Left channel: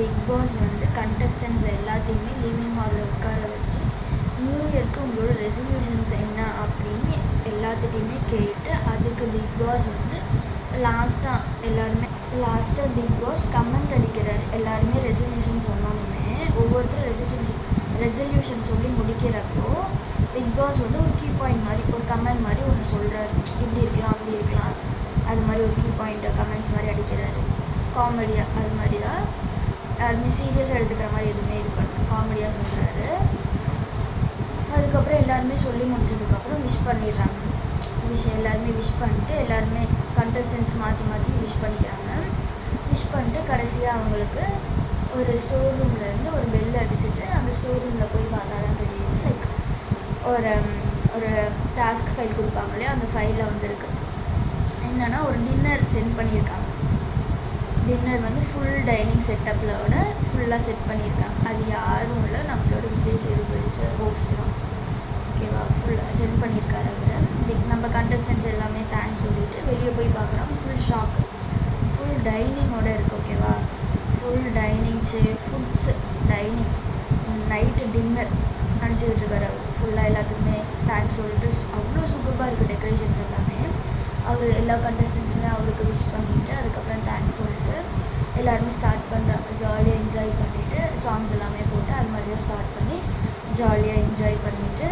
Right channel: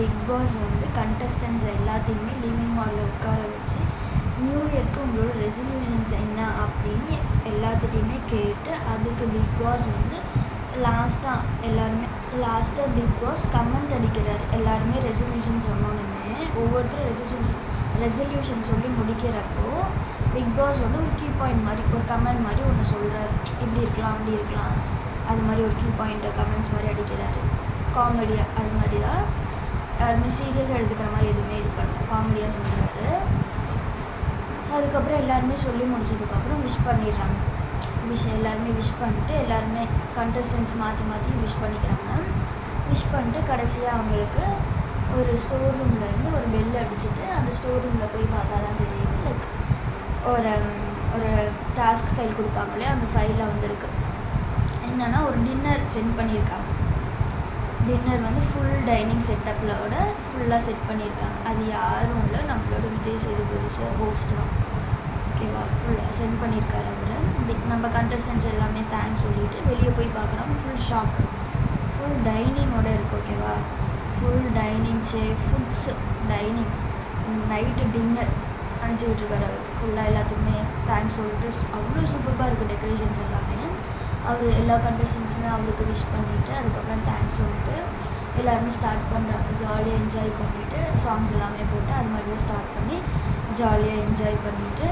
Big pass வந்து contestants எல்லாத்தையுமே living ஹாலில் உட்கார வச்சு நியூ இயர்க்கு உங்களோட ரெசல்யூஷன்ஸ் என்ன அப்படின்னு எல்லாத்துட்டையுமே கேட்டு அதுக்கு பிக் பாஸ் வந்து லாஸ்ட்டாக பிக் பாஸ் கமெண்ட் அடிக்கிறார். எல்லாருமே ரெசல்யூஷன் சொன்னோன்னுமே ஒவ்வொருத்தரும் ரெசல்யூஷன் சொல்லி முடிக்கிறப்போ பிக் பாஸ் வந்து ஒரு கீ பாயிண்ட் மாதிரி ஒரு கமெண்ட் மாதிரி ஒன்று சொல்கிறார். இப்படி இருக்கலாம் அப்படி இருக்கலாம் அது மாதிரி ஒரு கீ பாயிண்ட்டை கமெண்ட்ஸ் மாதிரி அடிக்கிறாரு. காமெடியாக அது மாதிரி தான், யாருமே சீரியஸாக எடுத்துக்கிற மாதிரி எதுவுமே இது பண்ண காமெடியாக சொல்கிறாரு. அதுக்கப்புறம் எல்லாருமே சொல்லி முடிச்சதுக்கப்புறம் விஷ் பண்ணிடுறாங்க. எல்லாருமே விஷ் பண்ணிட்டு எல்லாருமே கண்டஸ்டன்ட்ஸ் மாற்றி விஷ் பண்ணிக்கிறாங்க. விஷ் பண்ணிட்டு கடைசியாக அவங்களுக்கு ஒரு ஸ்டோர் ரூம்லேருந்து ஒரு பெல் அடிச்சுட்டு அந்த ஸ்டோர் ரூமில் போய் பார்த்தா தான் தெரியுது. லைக் ஒரு டாஸ்க் ஃபைல் கொடுப்பாங்க இல்லையா, அந்த ஃபைலில் வந்துருக்கு என்னென்னா ஒரு டின்னர் சென்ட் பண்ணியிருக்காங்க. டின்னர் வந்து ஃபுல் டைனிங் செட்டப்பிலோட ஃபுல்லாக செட் பண்ணியிருக்காங்க. அது யாரும் இல்லை, நம்மளோட விஜய் சேதுபதி சார் ஹோஸ்ட் தான். ஓகேவா, ஃபுல்லாக சென்ட் பண்ணியிருக்காரு அவர். நம்ம கண்டஸ்டன்ஸ் எல்லாமே தேங்க்ஸ் சொல்லிவிட்டு வெளியே போய் பார்க்குறோம். ஃபுல் ஷாக்கு, ஃபுல் டைனிங்கோடு இருக்குது. ஓகேவா, full dining foods dining night dinner அனுப்பிச்சிக்கிட்டு இருக்காரு அவர். ஃபுல்லாக எல்லாத்துக்குமே தேங்க்ஸ் சொல்லிட்டு அவ்வளோ சூப்பராக இருக்குது டெக்கரேஷன்ஸ் எல்லாமே. அவர் எல்லா கண்டஸ்டன்ஸுமே அவருக்கு விஷ் பண்ணிவிட்டு அதுக்கப்புறம் தேங்க்ஸ் சொல்லிட்டு எல்லாருமே ஸ்டார்ட் பண்ணுறாங்க. ஜாலியாக என்ஜாய் பண்ணிவிட்டு சாங்ஸ் எல்லாமே போட்டு அது மாதிரி தான் ஸ்டார்ட் பண்ணி ஜாலியாக என்ஜாய் பண்ணிவிட்டு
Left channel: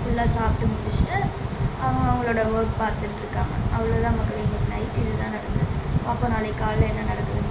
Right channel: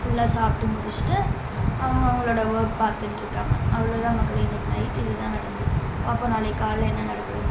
ஃபுல்லாக சாப்பிட்டு முடிச்சுட்டு அவங்களோட ஒர்க் பார்த்துட்ருக்காங்க. அவ்வளோதான் மக்கள், இன்றைக்கி நைட் இது தான் நடந்தது. அப்போ நாளைக்கு காலையில் என்ன நடக்குது